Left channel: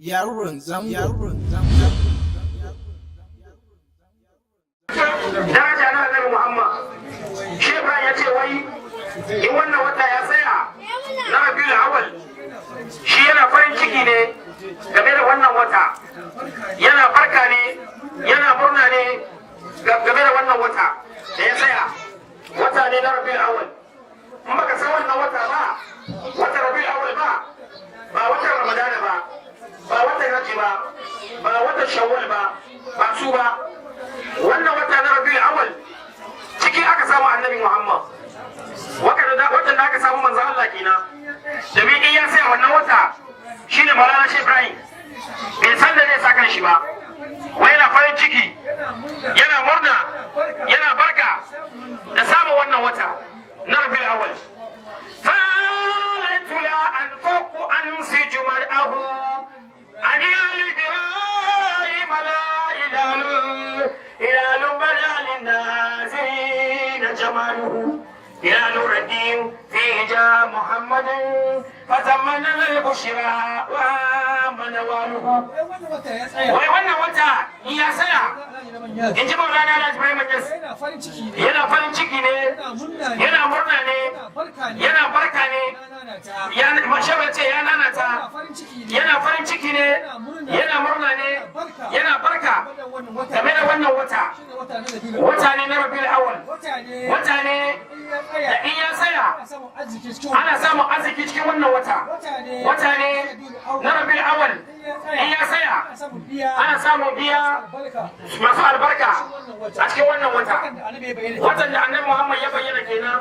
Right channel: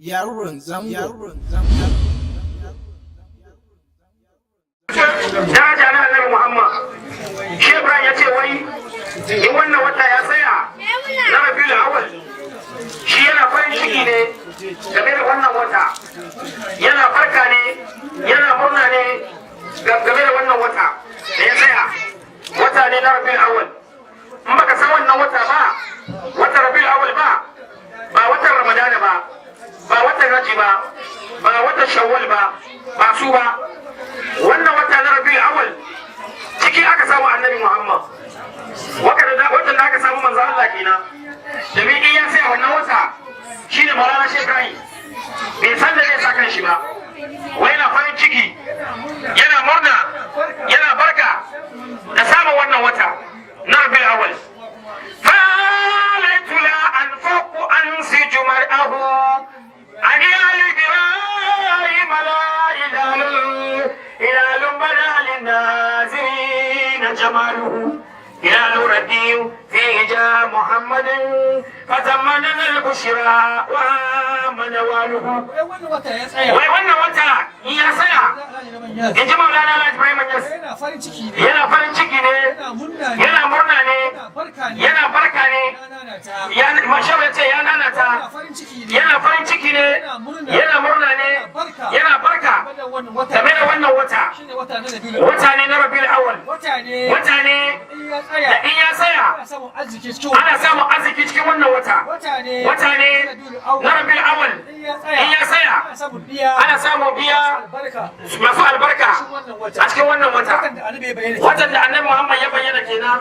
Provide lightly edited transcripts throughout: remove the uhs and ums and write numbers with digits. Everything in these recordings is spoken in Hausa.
yaron zango. Daraja na Annabi Muhammad. Shi Ibrahim ya ce wai in wannan wata ya tsaya na Rabiul Awwal shi yana farin ciki ne game da wannan wata. Yana farka ne, yana murna ne game da wannan wata da ya tsaya. Wata ne na Rabiul Awwal. In baka san wannan wata ba, wata Rabiul Awwal ba watan Ramadana ba watan Hajji ba watan Shawwal ba su ba. Wannan wata na Rabiul Awwal ciki aka samu Annabi Muhammad. Watan da aka samu manzo Allah kenan. Domin in ya sai wannan wata shine Maulana Sheikh Ibrahim. Bai san da zai saka shi ba. Wai yana farin ciki, yana murna, yana barka da samun wannan wata na Rabiul Awwal. فَلَيْتُ لَا أَنْفَقُ أَنْسِجُ مَرْأَهُ عَنْ آلِ إِبْرَاهِيمَ لَا هلال بدا للناظرين جماله هلال رديء فيه جاء محمد فتمنى البشرى ومنواله. wai wannan wata ya saya in ji Maulana Alhaji Ibrahim Niass yana farin ciki ne, yana murna ne, yana barka ne, mashawa ya ce ya nanata, yana farin ciki ne, yana murna ne, yana barka game da wannan wata ne na Rabiul Awwal. Wata ne da in ya tsaya ana samun arziki cikin wannan wata ne na Rabiul Awwal. In ya tsaya ana samun biya masu albarka a cikin wannan watan da Annabi Muhammad ya bayyana kenan.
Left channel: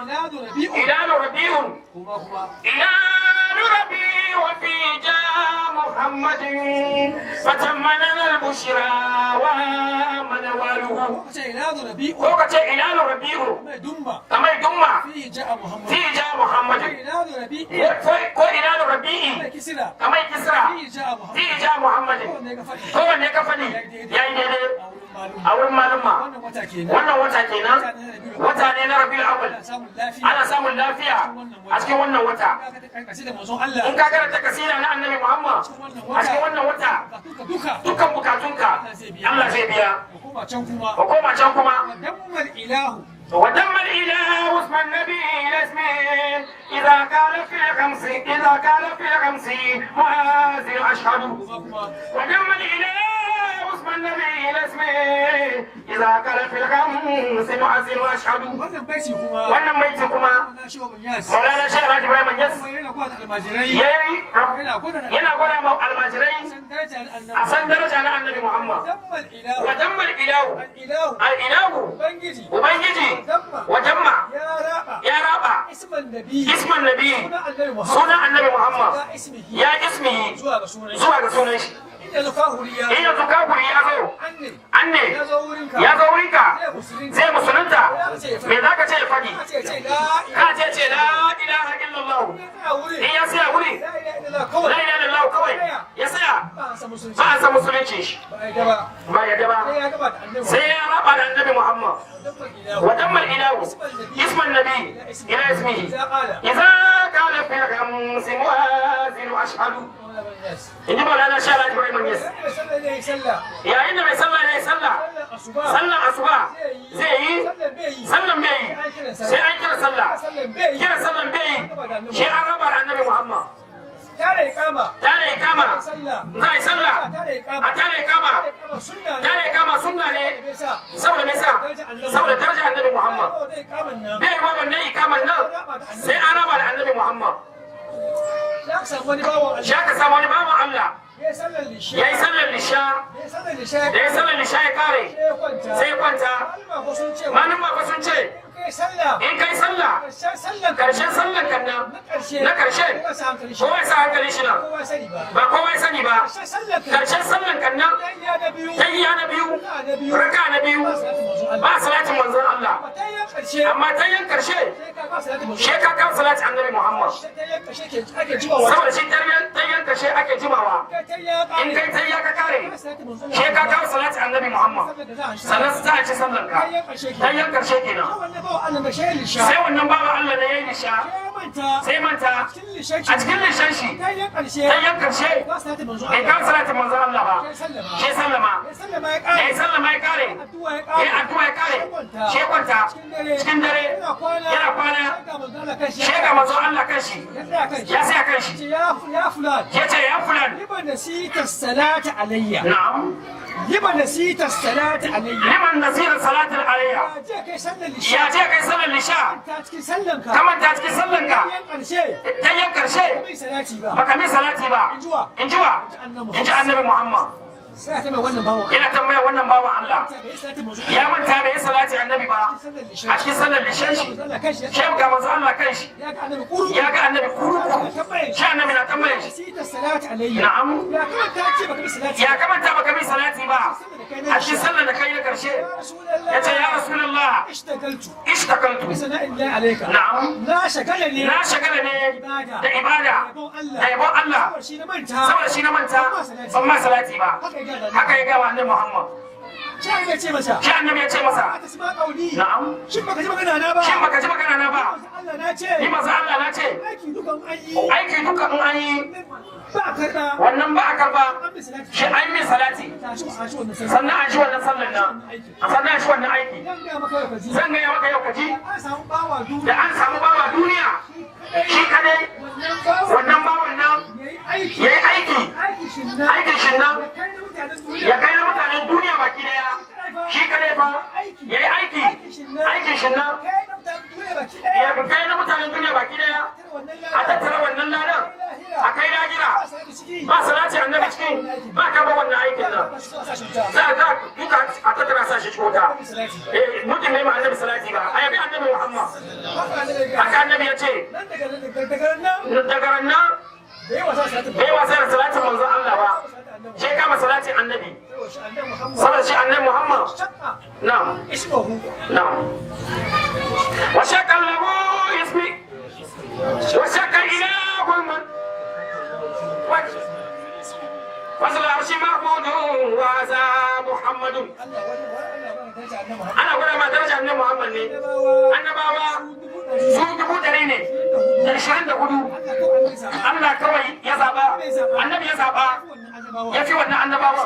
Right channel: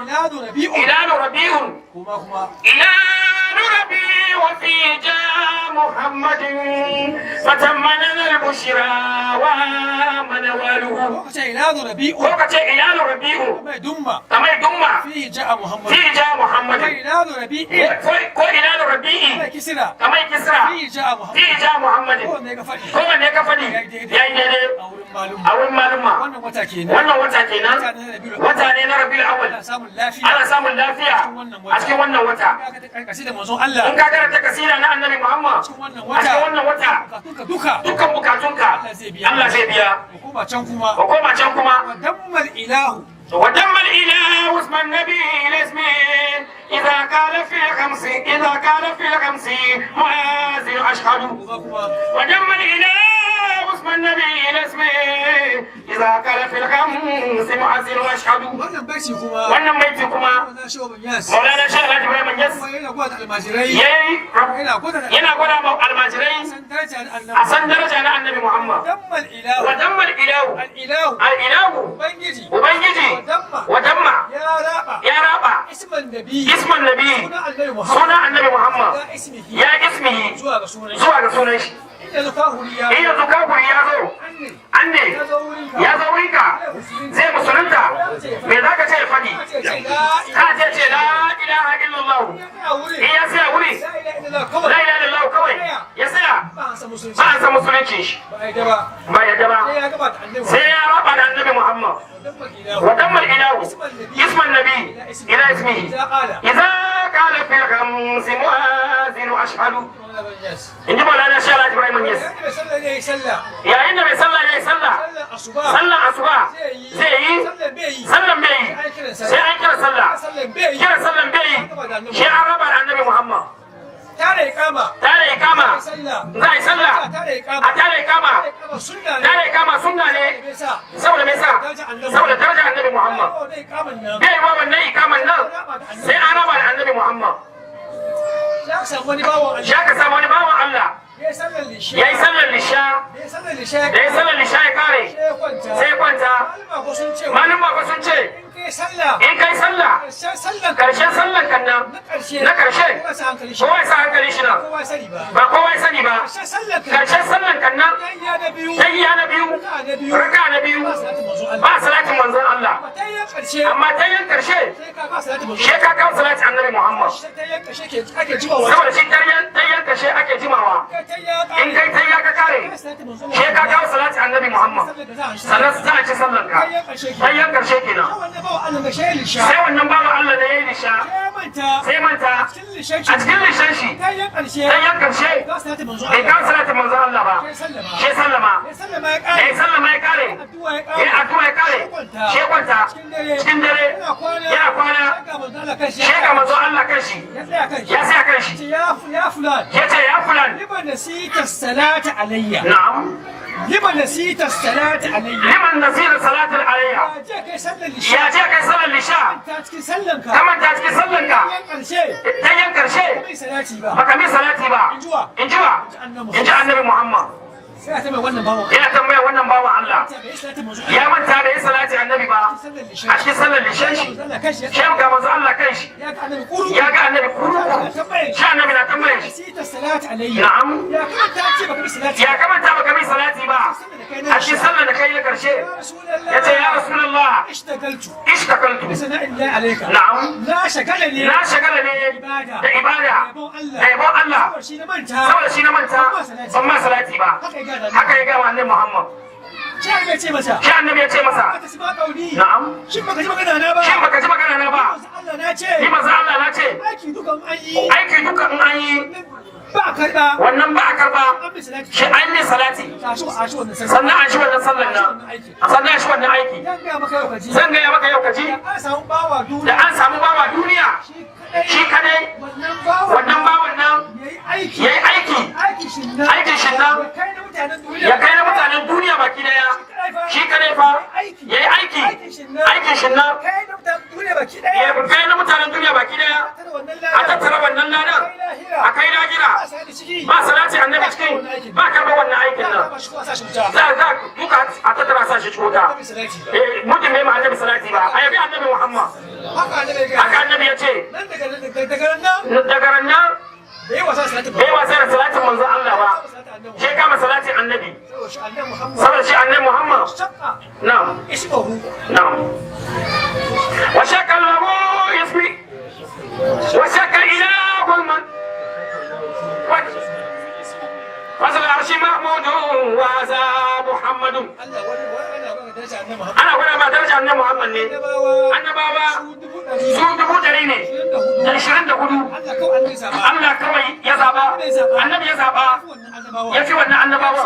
Ilanu Rabi'un وفي جاء محمد فتمنى البشرى ومنواله. وقت إلال ربيع كما يدم فيه جاء محمد كو إلال ربيع كما يكسرى فيه جاء محمد كما نكفني يعني أول معلومة wannan wata kenan, wata ne na Rabiul Awwal. Ana samun lafiya a cikin wannan wata. In ka karanta kasida na Annabi Muhammad a cikin wannan wata dukkan bukatunka Allah zai biya. Ko koma can kuma ودم الإله اسم النبي الاسمي إذا قال في الخمس مؤذن أشهد. ودم الإله اسم النبي الاسمي إذا قال في الخمس مؤذن أشهد. wannan baiti kuma Maulana Sheikh Alhaji Ibrahim Niass yana gwada ma almajirai a san daraja na Annabi Muhammad. wa dammal ilahu ubangiji wadamma ya raba isman nabi suna Annabi Muhammad ya ismihi zuwa ga sunan shi. in yanzu kafuri ya zo anne ya zo wurinka zai musulunta, me za ka ce ya faɗi? Ka ce la ilaha illallah. In ya tsaya wuri la ilaha illallah kawai ya tsaya ba a san musulunci shi ba ya gaba sai ya raba da Annabi Muhammad. ودم الإله اسم النبي إلى اسمه إذا قال في الخمس مؤذن أشهد. إن جمع لنا شاء الله إبراهيم Niass yayin da mai sallah ya yi sallar asuba zai yi sallan bai yi sai an kira sallan bai yi shi an raba da Annabi Muhammad. tare ikama za a yi sallah a tare ikama sunna ne saboda me sa saboda daraja Annabi Muhammad. bai yi wa wannan ikaman nan sai an raba da Annabi Muhammad. ya ka samu wani bawan Allah ya yi sallar lisha da ya sallar lisha ya kare sai kwanta. malum ba sun ce in kai sallah karshen sallan kan nan na karshe kowa ya sa hankali shi nan ba kowa ya sani ba. karshen sallan kan nan tayya na biyu raka na biyu ba salatin manzon Allah, amma tayyan karshe shi ka kawo salatin Annabi Muhammad saboda shi tayyan karshe ake jimawa. in kai tayya ka kare sai ka kawo salati annabi Muhammad sannan za a ci sallar ka tayyan karshe kenan sai wannan bawan Allah ne yayi lisha sai manta a cikin lishan shi tayyan karshe bai kawo salati manzo Allah ba sai sallama ya kare ya addu'a ya kare sai kwanta cikin dare yana kwana sai ga manzo Allah kanshi ya sai kanshi يا فلان يا فلان لما نسيت الصلاة علي نعم لما نسيت الصلاة علي لما نسيت الصلاة علي يا جاك يسلم الإشاء يا جاك يسلم الإشاء تاتك سلمك كما تاتك سلمك تينكر شيء بكمي صلاتي با انجوا انجا النبي محمد ina tambaya wannan bawan Allah ya manta da ya salati annabi ba a cikin sallar lishan shi shi ga manzo Allah kai shi ya ga annabi kuru shi annabi na tambaye shi na'am ya kamanta baka bi salati ba a cikin sallar da kai na karshe yace ya rasulullah ishtakaltu na'am na shagala ne da ibada da yabon Allah saboda shi na manta ban ma salati ba haka ya gama annabi Muhammad shi annabi ya ce masa na'am shin baka ji magana na ba ni maza Allah na ce aiki dukan an yi ba karba wannan ba a karba shi an yi salati sannan an shi wannan sallan nan sannan an shi wannan aiki zan gaya maka yau kaji da an samu bawa duniya shi kadai wannan bawan nan ya yi aiki shi nan ya kai na mutanen duniya baki daya shi kadai fa ya yi aikin shi nan ya kai na mutanen duniya baki daya a tattara wannan ladan a kai lahira ba salati annabi cikin ba karɓar wannan aikin nan za a duka a tattara sa shi cuta mutum mai ma annabi salati ba a yabi annabi Muhammad haka annabi ya ce daga ran nan bai wasa da salatin manzo Allah ba shi kama salatin annabi saboda shi annabi Muhammad na'am na'am wa shakka lahu ismi wa shakka ilahul man وصل العرش محمود وهذا محمد أنا أقول ما درجة أن محمد ne annabawa su 100 ne da 24 Allah kawai ya zaba annabi ya zaba ya fi wannan annabawa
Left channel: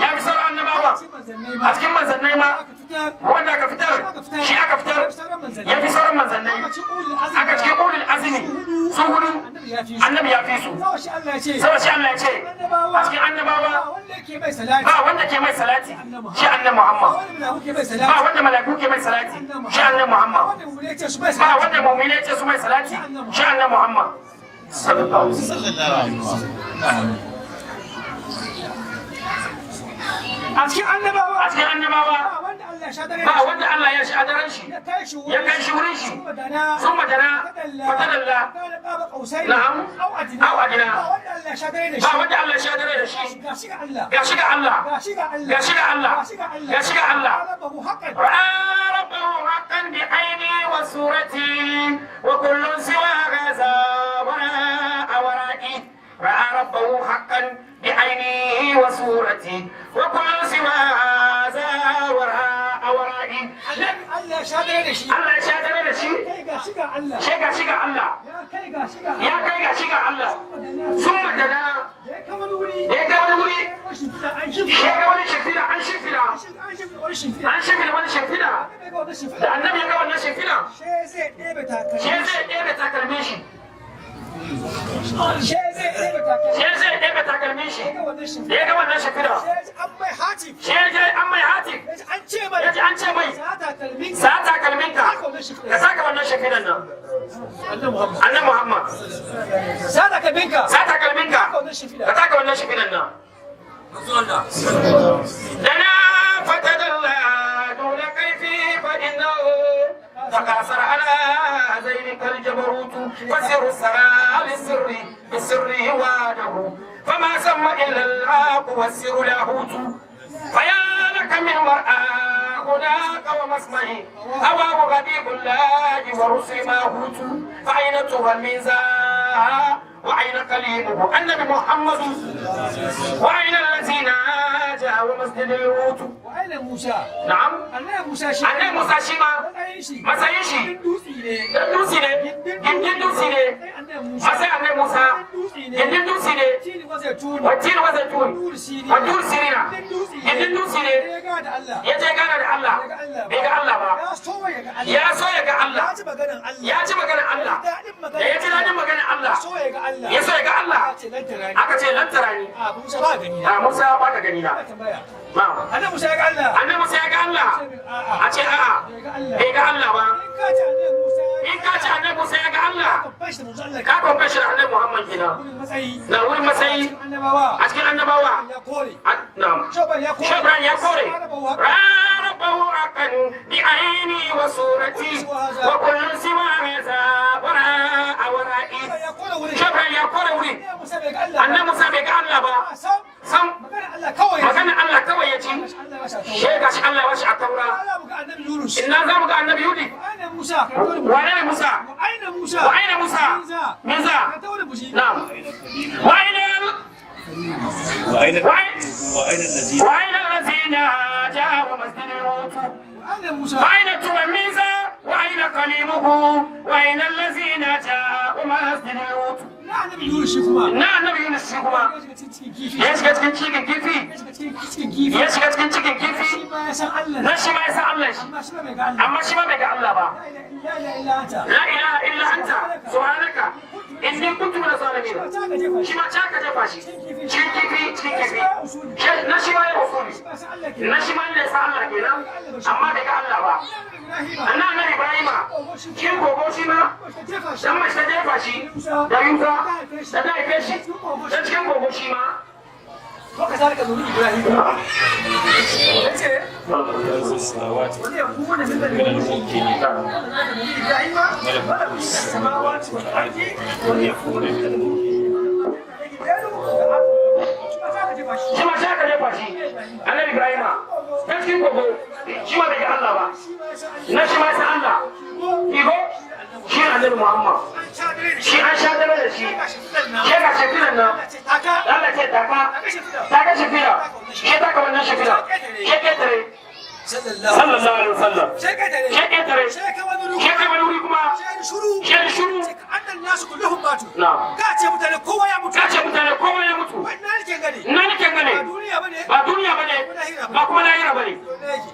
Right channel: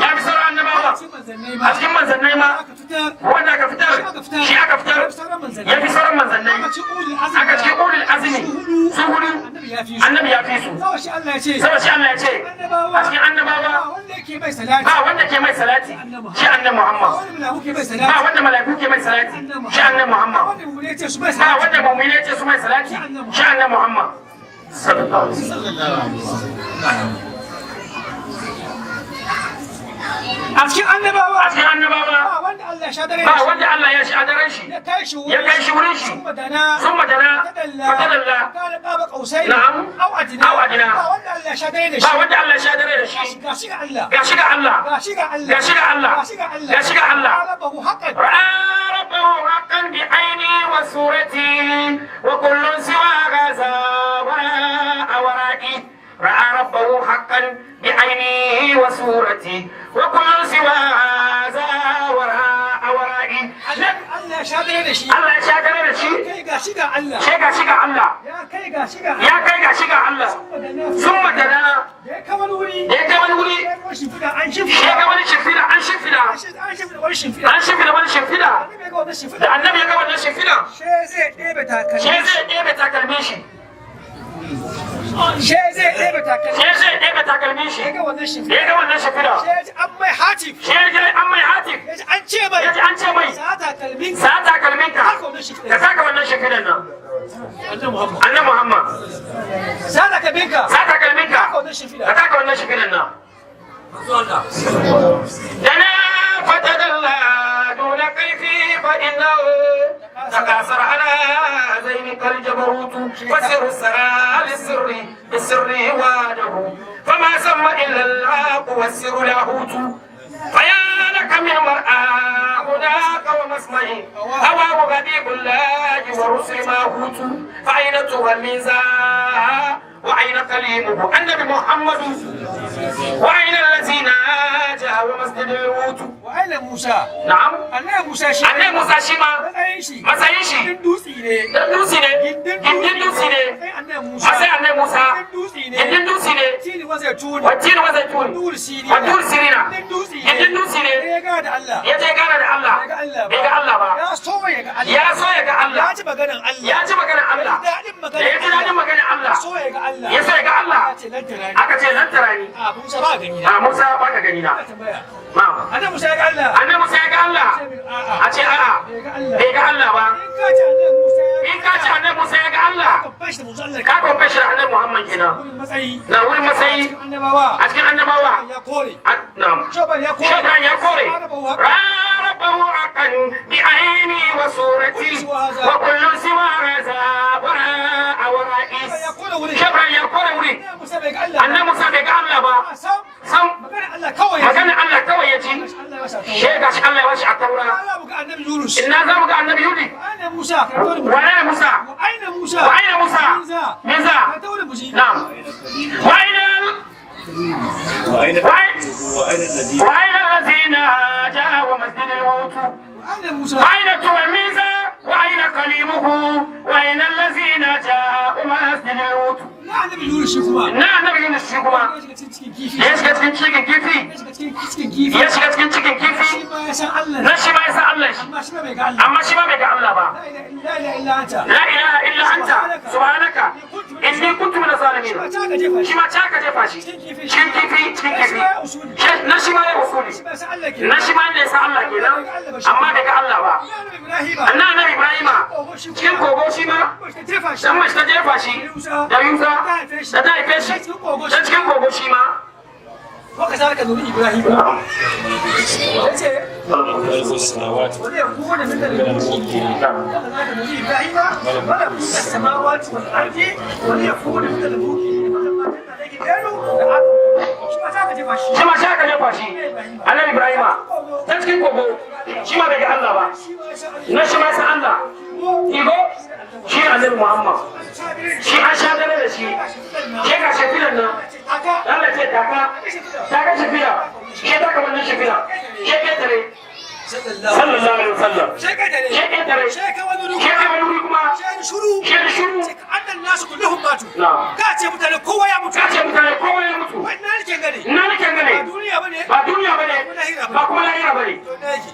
ya fi sauran annabawa a cikin manzannai ma wanda aka fitar shi aka fitar ya fi sauran manzannai aka cikin ulul azmi su hudu annabi ya fi su saboda shi Allah ya ce a cikin annabawa ba wanda ke mai salati shi annabi Muhammad ba wanda malaiku ke mai salati shi annabi Muhammad ba wanda mu'mini ce su mai salati shi annabi Muhammad sallallahu alaihi wasallam a cikin annabawa ba wanda Allah ya sha daren shi ya kai shi wurin shi sun madana fatadalla na'am au adina ba wanda Allah ya sha dare da shi ga shiga Allah ra'a rabbahu haqqan bi aini wa surati wa kullun siwa gaza wara'i ra'a rabbahu haqqan بعينه وصورتي وكل سوى هذا ورائي الله شادر دشي شيغا الله يا كاي شيغا الله ثم دنا يا كمان وري شيغا ولي شفيدا an shimfida wani shimfida da annabi ya ga wannan shimfida she zai ɗebe takalmin shi zai ɗebe takalmin shi da ya ga wannan shafida shi ya ji an mai hatif ya ji an ce mai sa takalmin ka saka wannan shafidan nan annan Muhammad sa takalmin ka ka saka wannan shafidan nan dana fatadalla duna kaifi fa innahu تكاثر على زينك الجبروت وسر السرى بالسر واده فما سمى الا العاق والسر لاهوت فيا لك من مرأى هناك ومسمعه هواه غبيب الله ورسل ماهوت فأين تغمزا وأين كليمه النبي محمد وأين الذين wa masjidil wutu wa aina Musa na'am annabi Musa shi ma matsayin shi dutsi ne dutsi ne gindin dutsi ne masai annabi Musa gindin dutsi ne tini wasa tuni wacce wasa tuni wa dur sirina gindin dutsi ne ya ga da Allah ya je gana da Allah bai ga Allah ba ya so ya ga Allah ya so ya ga Allah ya ji maganar Allah ya ji maganar Allah da ya ji dadin maganar Allah so ya ga Allah ya so ya ga Allah aka ce lan tarani a Musa ba gani a Musa ba ka gani na na'am annabi Musa ya ga Allah annabi Musa ya ga Allah a ce a'a bai ga Allah ba in ka ce annabi Musa ya ga Allah ka kwamfe shi da annabi Muhammad kenan na wurin matsayi a cikin annabawa na'am shaban ya kore rarabahu akan bi aini wa surati wa kullu siwa hadha wara'a wara'is shaban ya kore wuri annabi Musa bai ga Allah ba sam magana Allah kawai ya ci shi ga shi Allah ya washi a taura inna za mu ga annabi Yunus wa aina Musa wa aina Musa Musa na'am wa aina الذين جاءوا مسجد الوقوف وأين تلميذه وأين كليمه وأين الذين جاءوا مسجد الوقوف نعم نبي يونس شكما يشكت cikin cikin kifi ya shiga cikin cikin kifi na shi ma ya san Allah shi amma shi ma bai ga Allah ba la ilaha illa anta subhanaka inni kuntu min zalimin shi ma ta ka jefa shi cikin kifi na shi ma ya usuli na shi ma ne ya san Allah kenan amma bai ga Allah ba annabi Ibrahim cikin kogo shi ma dan mai ta jefa shi da Yusa da ta haife shi dan cikin kogo shi ma وكذلك نري إبراهيم ملك السماوات ويكون من المؤمنين وكذلك نري إبراهيم ملك السماوات والأرض وليكون من المؤمنين shi ma sha ka jefa shi annabi Ibrahim ta cikin kogo shi ma bai ga Allah ba na shi ma san Allah igo shi annabi Muhammad shi an sha dare da shi ya ga shafiran nan Allah ce ta ga shafira shi ta ka wannan shafira ke ketare sallallahu alaihi wasallam ke ketare ke wani wuri kuma ke shuru annan nasu kullum matu na'am ka ce mutane kowa ya mutu ina nake gane ba duniya bane ba kuma lahira bane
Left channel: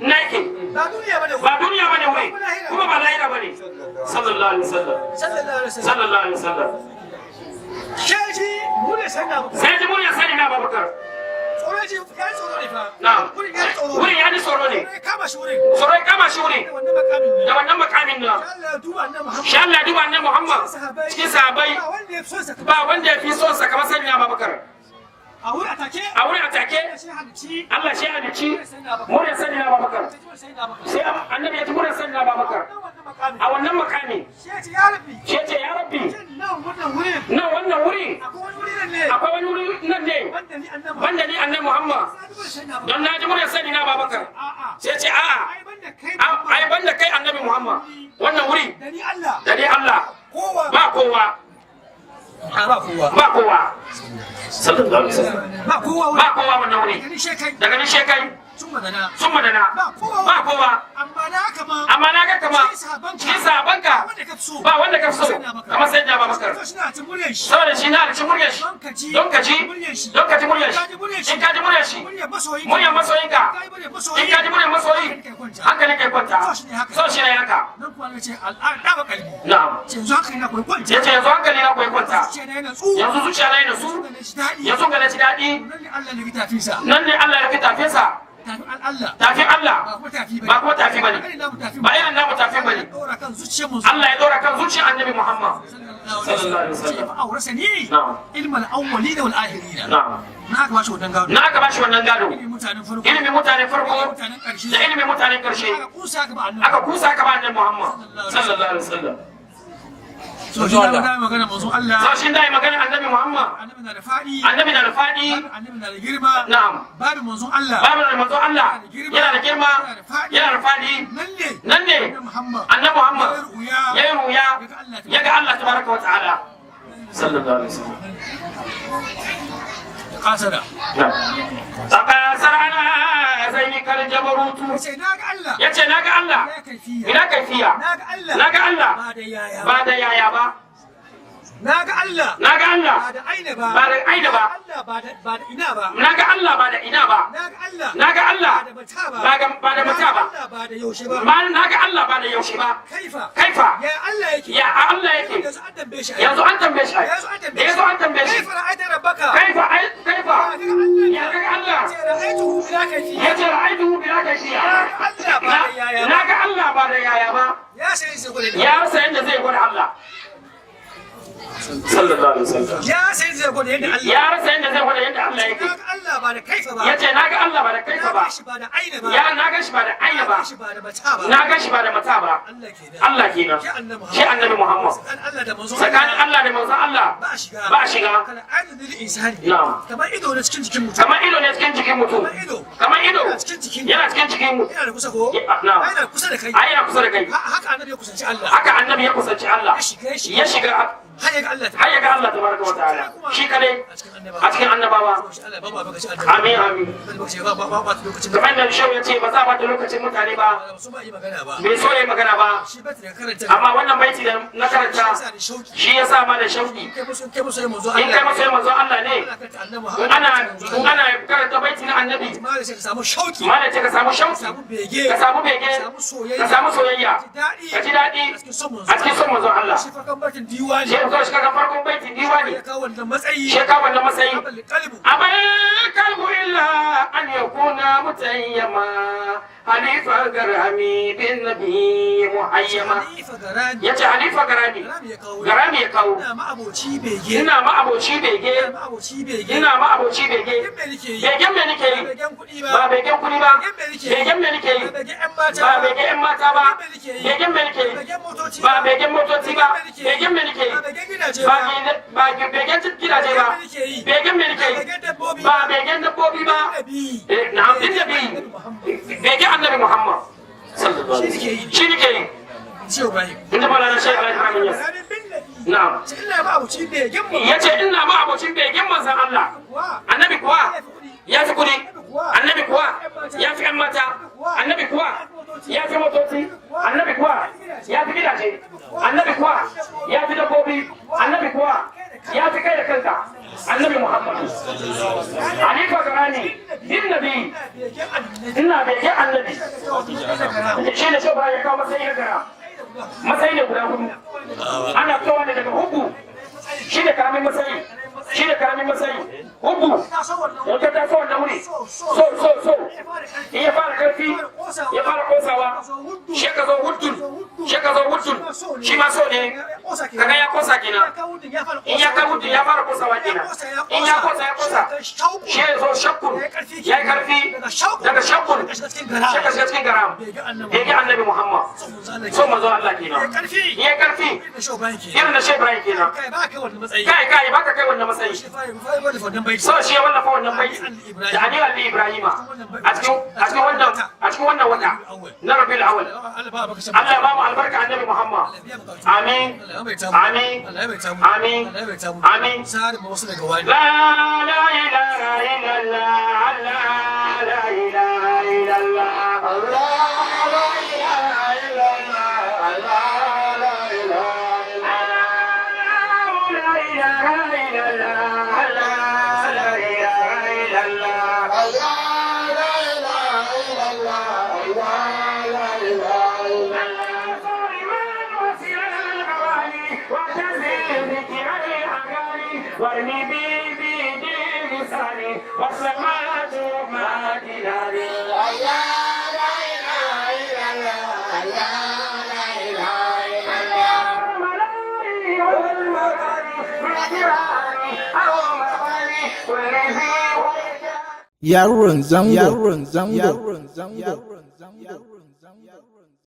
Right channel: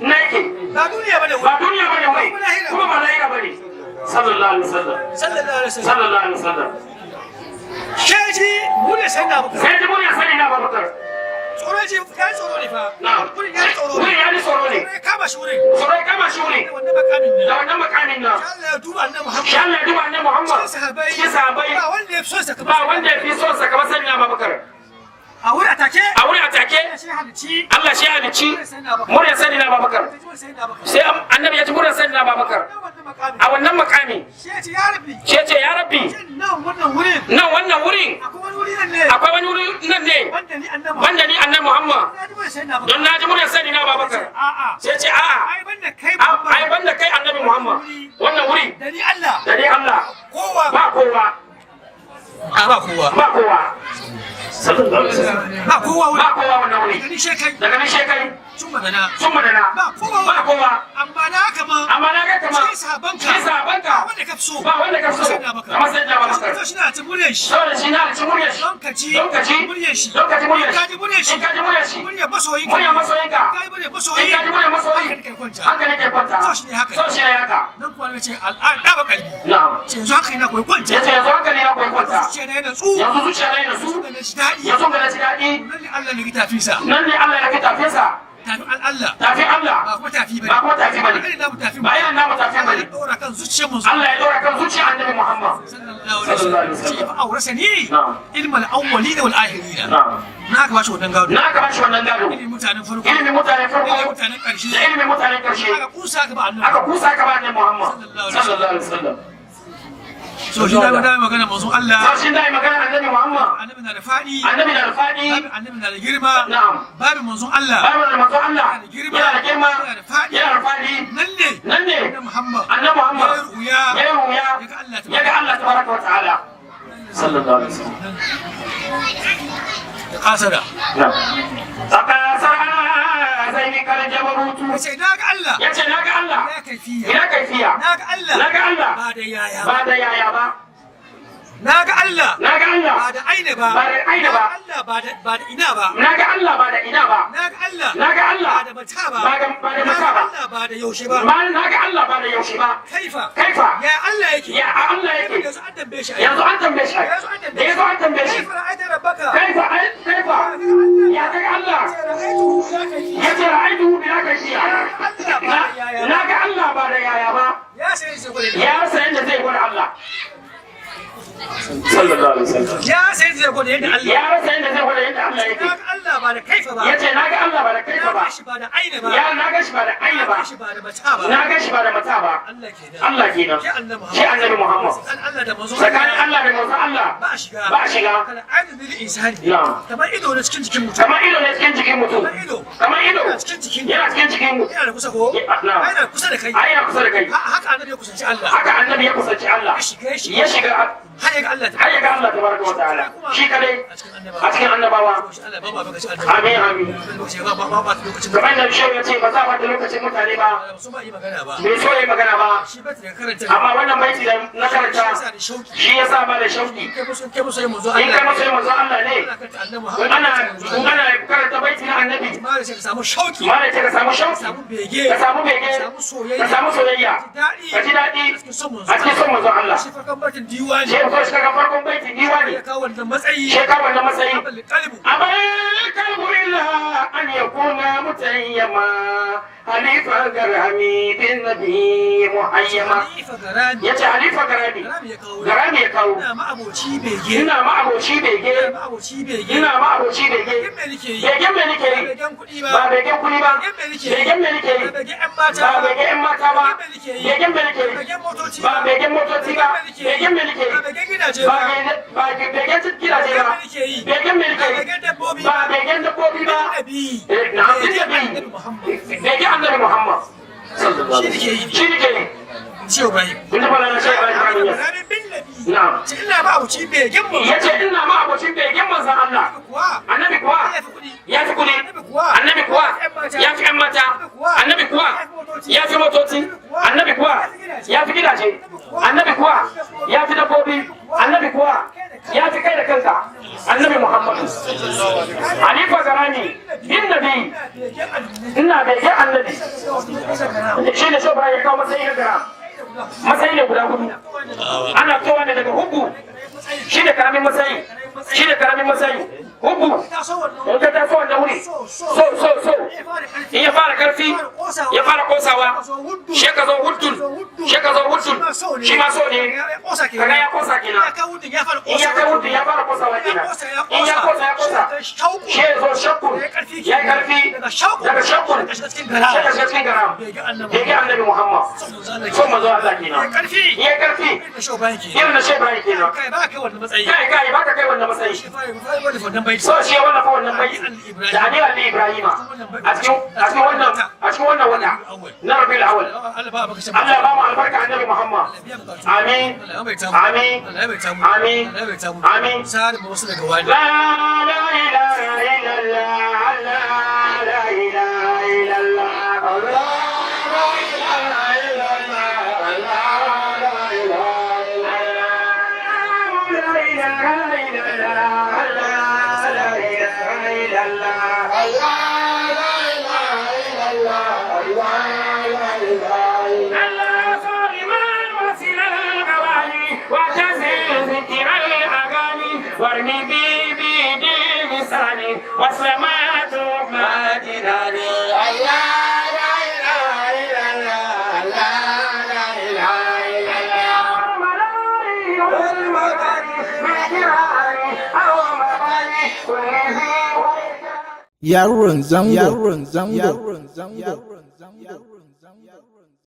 na yake ba duniya bane wai kuma ba lahira bane sallallahu alaihi wasallam sheji mun ne sai na Abubakar tsoro ji ya tsoro ne fa na'am wurin ya tsoro wurin ya tsoro ne kama shi wurin da wannan makamin ne Allah ya duba annabi Muhammad shi Allah ya duba annabi Muhammad shi sahabbai ba wanda ya fi son sa ba wanda ya fi son sa kamar sayyidina Abubakar a wurin atake Allah shi halicci muryar sayyidina Abubakar sai annabi ya ci muryar sayyidina Abubakar a wannan makami shi ce ya rabbi nan wannan wurin akwai wani wuri nan ne wanda ni annabi Muhammad don na ji muryar sayyidina Abubakar sai ce a'a ai banda kai annabi Muhammad wannan wuri da ni Allah ba kowa sallallahu alaihi wasallam ba kowa wannan wuri daga ni shekai sun madana ba kowa amma na kama shi sabanka ba wanda ka so kamar sai da Abubakar shi na ta muryar shi saboda shi na ci muryar shi don ka ji muryar shi don ka ji muryar shi in ka ji muryar shi muryar masoyinka muryar masoyinka in ka ji muryar masoyi hankali ke kwanta so shi ne haka nan kuwa ne ce al'an da ba kalbi na'am ce yanzu haka ina koyi kwanta yace yanzu hankali na koyi kwanta zuciya na yana tsu yanzu zuciya na yana su yanzu ga ci daɗi nan ne Allah ne ki tafi sa nan ne Allah ya ki tafi sa tafi Allah tafi Allah ba kuma tafi bane ba kuma tafi bane ba irin namu tafi bane ya dora kan zuciyar mu Allah ya dora kan zuciyar annabi Muhammad sallallahu alaihi wasallam fa aurasani ilmal awwalin wal akhirin na'am na ka bashi wannan gado ilimin mutanen farko mutanen karshe da ilimin mutanen karshe aka kusa ka ba annabi Muhammad sallallahu alaihi wasallam so shi da magana manzon Allah sashin da magana annabi Muhammad annabi na da fadi annabi na da girma na'am babu manzon Allah yana da girma yana da fadi nan ne annabi Muhammad ya ruya ya ga Allah tabaraka wa ta'ala sallallahu alaihi wasallam kasara na'am kal jabarutu yace naga Allah yace naga Allah ila kaifiya naga Allah ba da yaya ba naga Allah ba da aina ba Allah ba da ina ba naga Allah ba da ina ba naga Allah ba da mata ba ba da mata ba Allah ba da yaushe ba naga Allah ba da yaushe ba kaifa ya Allah yake yanzu an tambaye shi yanzu an tambaye shi kaifa ra'aita rabbaka kaifa ya ga Allah yace ra'aytuhu bila kayfiya naga Allah ba da yaya ba ya sai yadda zai gwada Allah sallallahu alaihi wasallam ya sai zai gwada yadda Allah ya rasa yadda zai gwada yadda Allah yake naga Allah ba da kaifa ba yace naga Allah ba da kaifa ba naga shi ba da aina ba ya naga shi ba da aina ba naga shi ba da mata ba naga shi ba da mata ba Allah kenan shi annabi Muhammad tsakanin Allah da manzon Allah ba a shiga kana adadin insani kamar ido na cikin jikin mutum kamar ido yana cikin jikin mutum yana da kusa ko yana kusa da kai haka annabi ya kusanci Allah ya shiga har ya ga Allah tabaraka wa ta'ala shi kadai a cikin annabawa amin kamar da shi ya ce ba za a bata lokacin mutane ba bai so yi magana ba amma wannan baiti da na karanta shi ya sa ma da shauki in kai musu yi manzo Allah ne ana karanta baiti na annabi ma da ce ka samu shauki ka samu bege ka samu soyayya ka ji daɗi a cikin son manzo Allah shi farkon baitin diwani shi kaga farkon baitin diwani ya kawo wannan matsayi abal kalbu illa an yakuna mutayyama halifa garami bin nabi muhayyama yace halifa garami ya kawo ina ma aboci bege begen me nake yi ba begen kuɗi ba begen me nake yi ba begen yan mata ba begen me nake yi ba begen motoci ba begen me nake yi ba begen gidaje ba begen me nake yi ba begen dabbobi ba na begen annabi Muhammad sallallahu alaihi wasallam shi ne ke Shehu Ibrahim. Inda fara na Shehu Ibrahim ya. Na'am. Ina ma abuci begen mu. Yace ina ma abucin begen manzon Allah. Annabi kuwa ya fi kudi. Annabi kuwa ya fi ƴan mata. Annabi kuwa ya fi motoci. Annabi kuwa ya fi gidaje. Annabi kuwa ya fi dabbobi. Annabi kuwa ya fi kai da kanka. Annabi Muhammadu. Halifa garani bin nabi. Ina begen annabi. Shi ne Shehu Ibrahim ya kawo matsayin gara. Matsayi ne guda hudu ana fitowa ne daga hugu shi da karamin matsayi hugu wata ta so wanda wuri so in ya fara karfi ya fara kosawa shi ka zo hudun shi ma so ne kaga ya kosa kenan in ya kai hudun ya fara kosawa kenan in ya kosa shi ya zo shakku ya yi karfi daga shakku daga cikin garam bege annabi Muhammad so mazo Allah kenan ya karfi irin na Shehu Ibrahim kenan kai ba ka kai wannan matsayi so shi wannan fa wannan bai da Ali Ibrahim a cikin wannan wata na Rabiul Awwal Allah ba mu albarka annabi Muhammad amin sai mu wasu daga wani la ilaha illallah la ilaha illallah Allah وارمي بيدي بلساني وسمعت ما جناني الله لا اله الا الله لا اله الا الله ملاري والمداري بالجيراني او مباني والذي Yaron zango.